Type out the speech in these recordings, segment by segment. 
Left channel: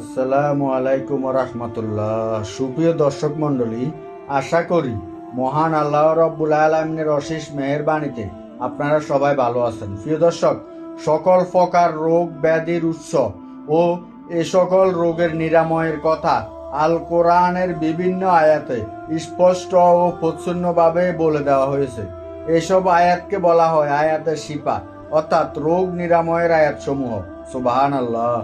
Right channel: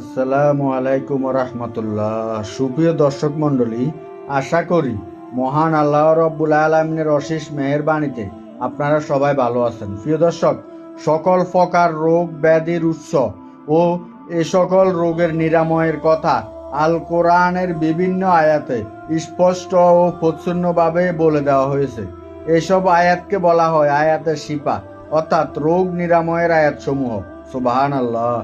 আসসালামু আলাইকুম রহমতুল্লাহ সুপ্রিয় দর্শক আশা করি মহান আল্লাহ রব্বুল আলমিনের অশেষ আপনারা সবাই ভালো আছেন। প্রিয় দর্শক, সকল প্রকার রোগ, ব্যাধির উৎস ও এ সকল রোগের নিরাময়ের কথা আল কোরআনের বিভিন্ন আয়াতে স্পষ্ট ও প্রচ্ছন্নভাবে বলে দেওয়া হয়েছে। এসব আয়াতকে বলা হয় আয়াতের শিপা অর্থাৎ রোগ নিরাময়ের আয়াত সমূহ সুবাহান আল্লাহ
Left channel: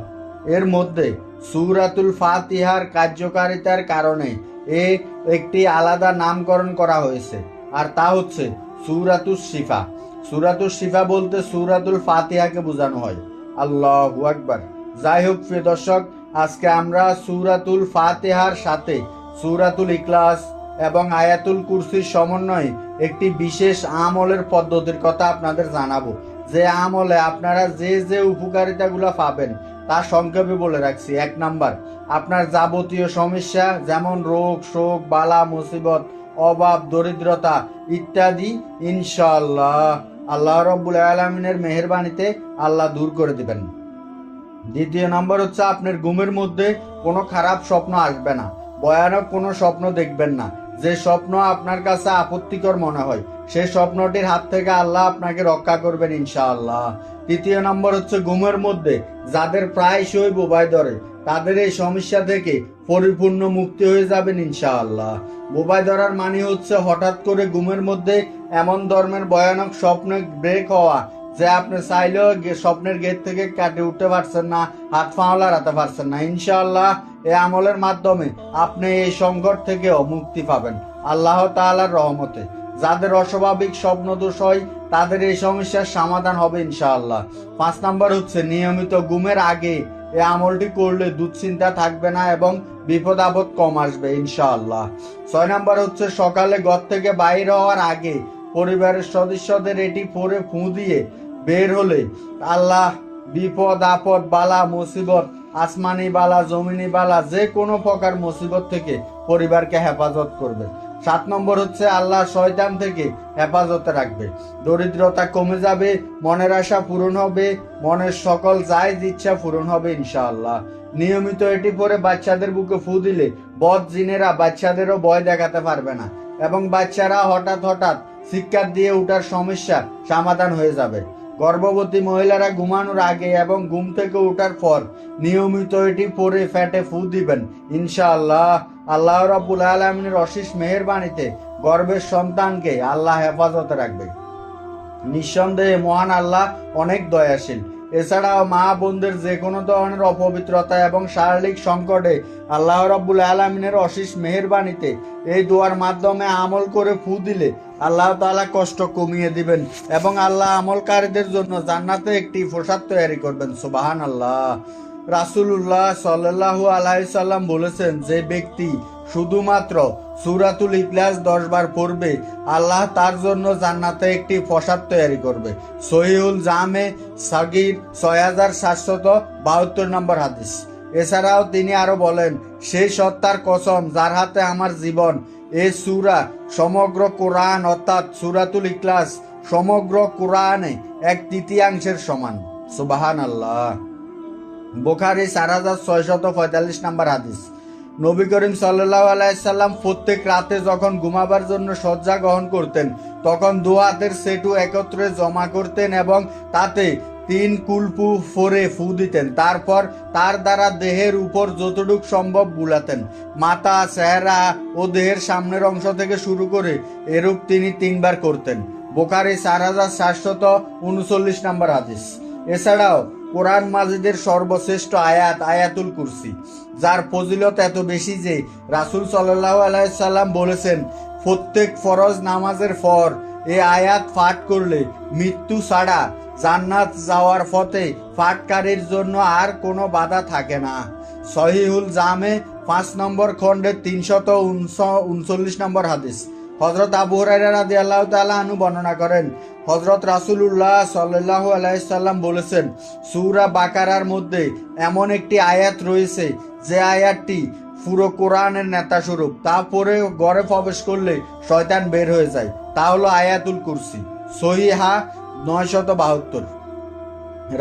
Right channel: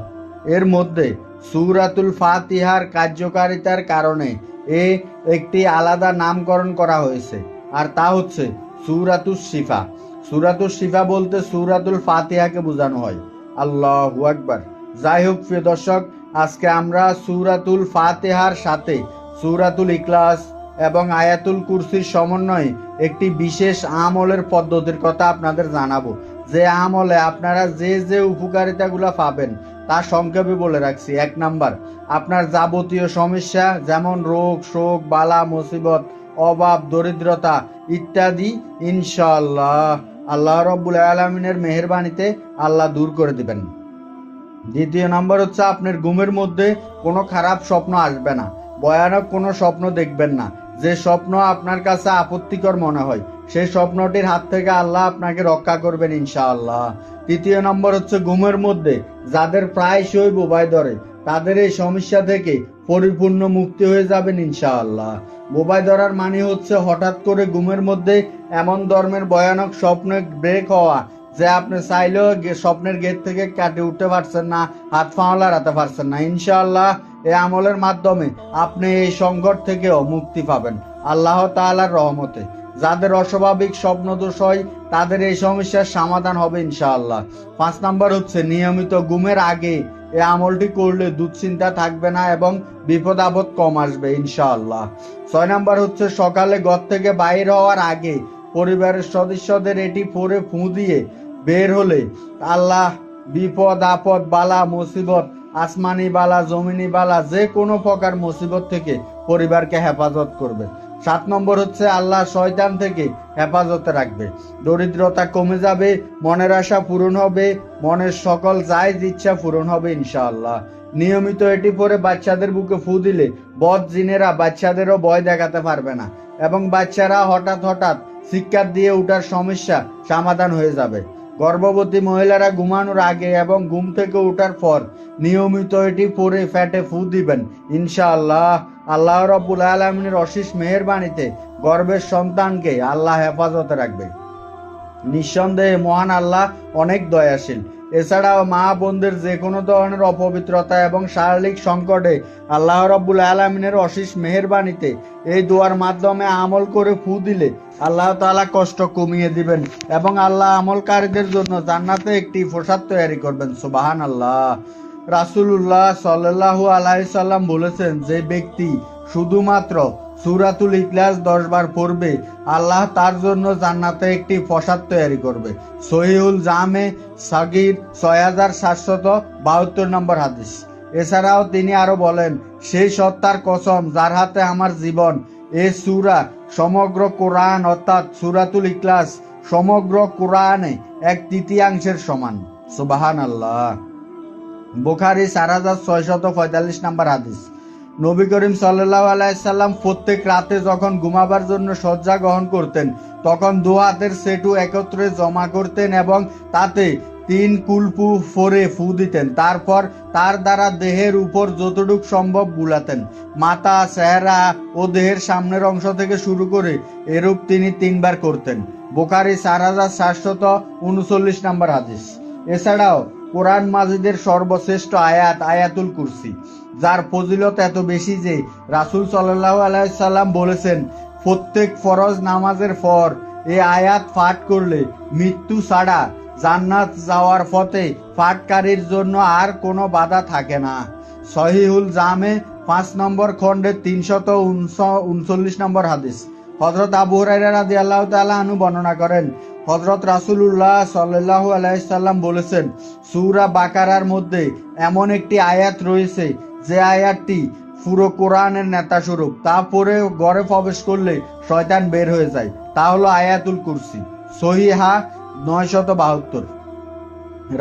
এর মধ্যে সুরাতুল ফাতিহার কার্যকারিতার কারণে এ একটি আলাদা নামকরণ করা হয়েছে। আর তা হচ্ছে সুরাতুল শিফা। সুরাতুল শিফা বলতে সুরাতুল ফাতিহাকে বোঝানো হয়। আল্লাহ আকবার। যাই হোক, প্রিয় দর্শক, আজকে আমরা সুরাতুল ফাতেহার সাথে সুরাতুল ইকলাস এবং আয়াতুল কুরসির সমন্বয়ে একটি বিশেষ আমলের পদ্ধতির কথা আপনাদের জানাব। যে আমলে আপনারা যে যে উপকারিতাগুলো পাবেন তা সংক্ষেপে বলে রাখছি, এক নাম্বার, আপনার যাবতীয় সমস্যা যেমন রোগ, শোক, বালা, মুসিবত, অভাব, দরিদ্রতা ইত্যাদি, ইনশাআল্লাহ আল্লাহ রব্বুল আলমিনের মেহরবানিতে আল্লাহ দূর করে দেবেন। দ্বিতীয় নম্বর হচ্ছে, আপনার ঘুমের মধ্যে কোনো খারাপ স্বপ্ন আসবে না, ভয়ানক কোনো স্বপ্ন দেখবেন না। যে স্বপ্ন আপনার কাছে আপত্তিকর মনে হয় সেই স্বপ্নটির হাত থেকে আল্লাহ আপনাকে রক্ষা করবেন ইনশাআল্লাহ। তৃতীয় নম্বর হচ্ছে ঘুমের মধ্যে, যাদের প্রায়শই বোবাই ধরে, তাদের এই সমস্যা থেকে পরিপূর্ণ মুক্তি হয়ে যাবেন ইনশাআল্লাহ। বোবাই ধরার মানে হচ্ছে হঠাৎ করে ঘুমের মধ্যে এমন ধর্মের ভয়ানক স্বপ্ন ব্রেক হওয়া, যে আপনি চাইলেও স্বপ্নের গেট থেকে কাটে উঠতে পারছেন না, হাত পাওয়া রাখতে পারছেন না। ইনশাআল্লাহ এই আমলের মাধ্যমে আপনি এই সংকট থেকেও মুক্তি পাবেন। আল্লাহ তাআলার রহমতে। যাদের অস্বাভাবিক স্বপ্ন দোষ হয়, তাদের এই সমস্যার সমাধান হবে ইনশাআল্লাহ। পাঁচ নাম্বার হচ্ছে, নিয়মিত ঘুমের আগে এই আমলটি করলে দুশ্চিন্তা থাকবে না এবং বিপদ আপদ কম আসবে ইনশাআল্লাহ। ছয় নাম্বার হচ্ছে, সকালে ঘর থেকে বাইরে হওয়ার আগে পরিবারের সদস্যদের এটি পরে ফু দিয়ে বের হলে আল্লাহ বিপদ আপদ, বালা, মুসিবত, আসমানি বালা, জমিনি বালা, যে কোনো প্রকার মুসিবত থেকে পরিবারকে হেফাজত করবে। সাত নম্বর হচ্ছে আল্লাহ শয়তান থেকে হেফাজতে রাখবে। দরিদ্রতা কমে যাবে, মনের আশা পূরণ হবে, মনের সকল জায়জ ইচ্ছা পূরণ হবে ইনশাআল্লাহ। নিয়মিত এটি পরে বাচ্চাদের বুকে ফু দিলে বদ জিনেরা বাচ্চাদেরও ভয় দেখাতে পারবে না এবং বাচ্চারা হঠাৎ হঠাৎ শিক্ষার দিয়ে উঠার সমস্যা সমাধান হয়ে যাবে। গর্ভবতী মহিলারা ঘুমানোর আগে এবং ঘুম থেকে ওঠার পর নিয়মিত এটি পরে ফ্যাটে ফু দিবেন ইনশাআল্লাহ। আল্লাহ রব্বুল আলমিনের অশেষ মেহেরবাণীতে গর্ভের সন্তানকে আল্লাহ হেফাজতে রাখবে। নিঃসন্দেহে মহান আল্লাহ অনেক দয়াশীল। এছাড়াও মা বোনদের যে কোনো ধরনের অপবিত্রতা এবং শারীরিক সংকটে আল্লাহ রব্বুল আলমিনের অশেষ মেহেরবাণীতে এই দোয়ার মাধ্যমে আমল করে ফু দিলে আল্লাহ তাআলা কষ্ট কমিয়ে দিবেন এবং আল্লাহ আমলকারীদের জন্য জান্নাতে একটি প্রসাদ তৈরি করবেন। সুবাহান আল্লাহ রাসুল্লাহ সাল্লাহ আলাইসাল্লাম বলেছেন, যে ব্যক্তি শুধুমাত্র সুরাতুল ইখলাস দশ বার পড়বে, আল্লাহ তার জন্য জান্নাতে একটি প্রসাদ তৈরি করবে। সহিউল জামে সাগির ছয় হাজার সাতশত বাহাত্তর নম্বর হাদিস। এছাড়াও তিনি আরও বলেন সেই সত্তার কসম যার হাতে আমার জীবন, এ সুরা সমগ্র কোরআন অর্থাৎ সুরাতুল ইখলাস সমগ্র কোরআনে এক তৃতীয়াংশের সমান। সুবাহান আল্লাহ বুখারি চার হাজার ছয়শত পঁয়তাল্লিশ নাম্বার হাদিস। নবী করিম সাল্লাহ আলাইসাল্লাম প্রত্যেক রাতে যখন ঘুমাবার জন্য শয্যা গ্রহণ করতেন, তখন দু হাতের সেটু একত্রে জমা করতেন এবং তাতে তিন কুলপু ফোরে ফু দিতেন। তারপর তার দ্বারা দেহের উপর যতটুক সম্ভব বুলাতেন। মাথা, চেহারা ও দেহের সামনের অংশ থেকে শুরু করে এরূপ তিনি তিনবার করতেন। বোকারি চার হাজার সাতশত উনচল্লিশ নাম্বার হাদিস। এছাড়াও কোরআন মাজিদের সর্বশ্রেষ্ঠ আয়াত, আয়াতুল কুরসি, যার ফজিলত এত বেশি যে রাসুল সাল্লাহ আলাইসাল্লাম বলেছেন, প্রত্যেক ফরজ নামাজের পর এ আয়াত পাঠ করলে মৃত্যু ছাড়া জান্নাত যাওয়ার পথে পাঠকারীর জন্য আর কোনো বাধা থাকে না। সহিহুল জামে পাঁচ নম্বর খণ্ডে তিনশত উনচল্লিশ নম্বর হাদিস। হজরত আবু আনু বর্ণনা করেন হজরত রাসূলুল্লাহ সাল্লাল্লাহু আলাইহি সাল্লাম বলেছেন, সুরা বাকারার মধ্যে এমন একটি আয়াত রয়েছে, যে আয়াতটি পুরো কোরআনের নেতা স্বরূপ তারপরে ঘরে প্রবেশ করলে শয়তান বের হয়ে যায়। তা হলো আয়াতুল কুরসি, সহিহা নয়শত বাহাত্তর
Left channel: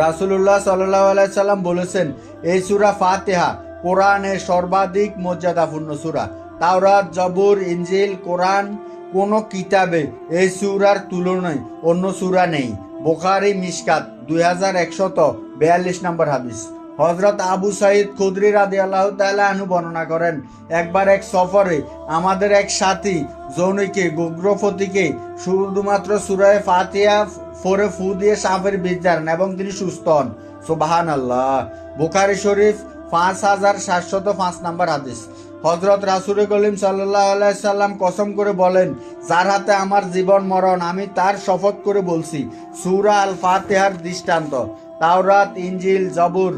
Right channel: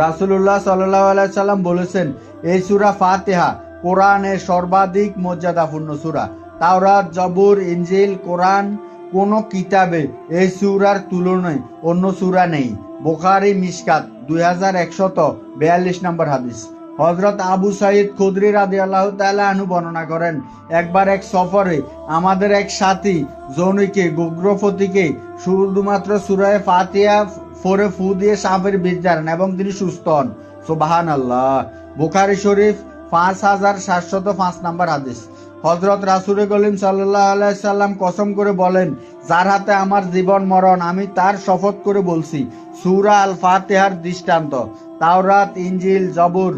রাসুল্লাহ সাল্লাহ আলাইসাল্লাম বলেছেন, এই সুরা ফাতেহা কোরআনের সর্বাধিক মর্যাদাপূর্ণ সুরা। তাওরাত, জবুর ইঞ্জিল কোরআন কোন কিতাবে এই সূরার তুলনায় অন্য সুরা নেই। বোখারি, মিসকাত, দুই হাজার একশত বিয়াল্লিশ নম্বর হাদিস। হজরত আবু সাইদ খুদরি রাদি আল্লাহ আনু বর্ণনা করেন, একবার এক সফরে আমাদের এক সাথী জৌনিকে গোগ্রপতিকে শুধুমাত্র সুরায় ফাতিয়া ফোরে ফু দিয়ে সাপের বীজ জানেন এবং তিনি সুস্থ হন। সুবাহান আল্লাহ বুখারি শরীফ পাঁচ হাজার সাতশত পাঁচ নাম্বার হাদিস। হজরত রাসুল কলিম সাল্লাহ আলাইসাল্লাম কসম করে বলেন, যার হাতে আমার জীবন মরণ, আমি তার শপথ করে বলছি, সুরা আল ফাতেহার দৃষ্টান্ত। তাওরাত ইঞ্জিল জবুর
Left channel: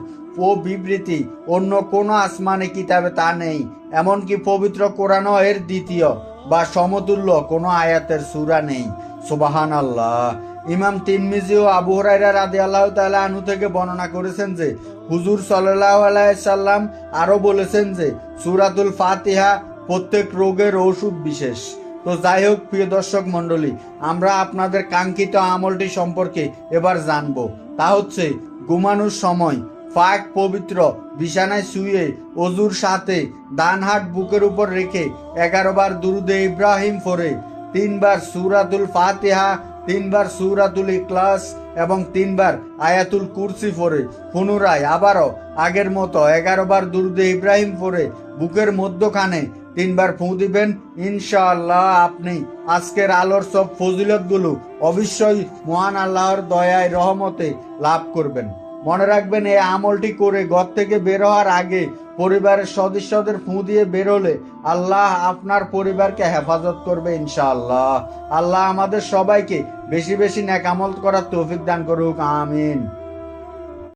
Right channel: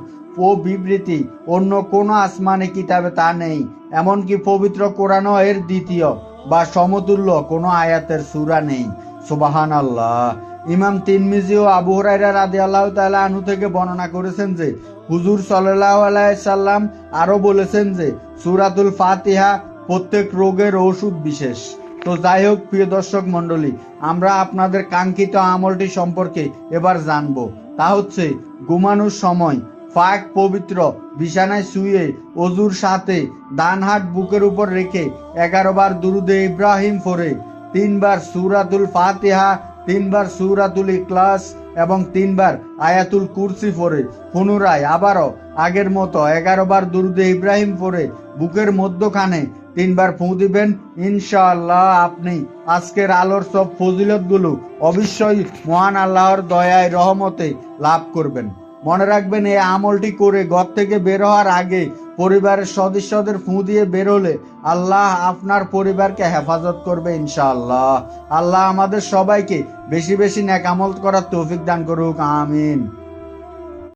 ও বিবৃতি, অন্য কোনো আসমানে, কিতাবে তা নেই। এমনকি পবিত্র কোরআনও এর দ্বিতীয় বা সমতুল্য কোনো আয়াতের সুরা নেই। সুবাহান আল্লাহ ইমাম তিনমিজি ও আবু হুরাইরা রাদি আল্লাহ তাআলা আনহু থেকে বর্ণনা করেছেন যে, হুজুর সাল্লাল্লাহু আলাইহি আরও বলেছেন যে সূরাতুল ফাতিহা প্রত্যেক রোগের ওষুধ বিশেষ। তো যাই হোক, প্রিয় দর্শক মন্ডলী আমরা আপনাদের কাঙ্ক্ষিত আমলটি সম্পর্কে এবার জানব। তা হচ্ছে, ঘুমানোর সময় পাক পবিত্র বিছানায় শুয়ে অজুর সাথে ডান হাত বুকের উপর রেখে এগারো বার দুরুদে ইব্রাহিম ফোরে তিনবার সুরাতুল ফাতিহা, তিনবার সুরাতুল ইখলাস এবং তিনবার আয়াতুল কুরসি ফোরে পুনরায় আবারও আগের মতো এগারো বার দুরুদে ইব্রাহিম ফোরে বুকের মধ্যখানে তিনবার ফুঁ দিবেন, ইনশাআল্লাহ আপনি আজকের আলোর সব ফজিলতগুলো অবশ্যই মহান আল্লাহর দয়ায়, রহমতে লাভ করবেন। মনে রাখবেন, এই আমলটি করে ঘর থেকে বের হওয়ার আগে পরিবারের সদস্যদের ফুঁ দিয়ে বেরোলে আল্লাহ আপনার পরিবারকে হেফাজত করবে ইনশাআল্লাহ। আল্লাহ আমাদের সবাইকে বেশি বেশি নাকামল করার তৌফিক দান করুক, আমিন।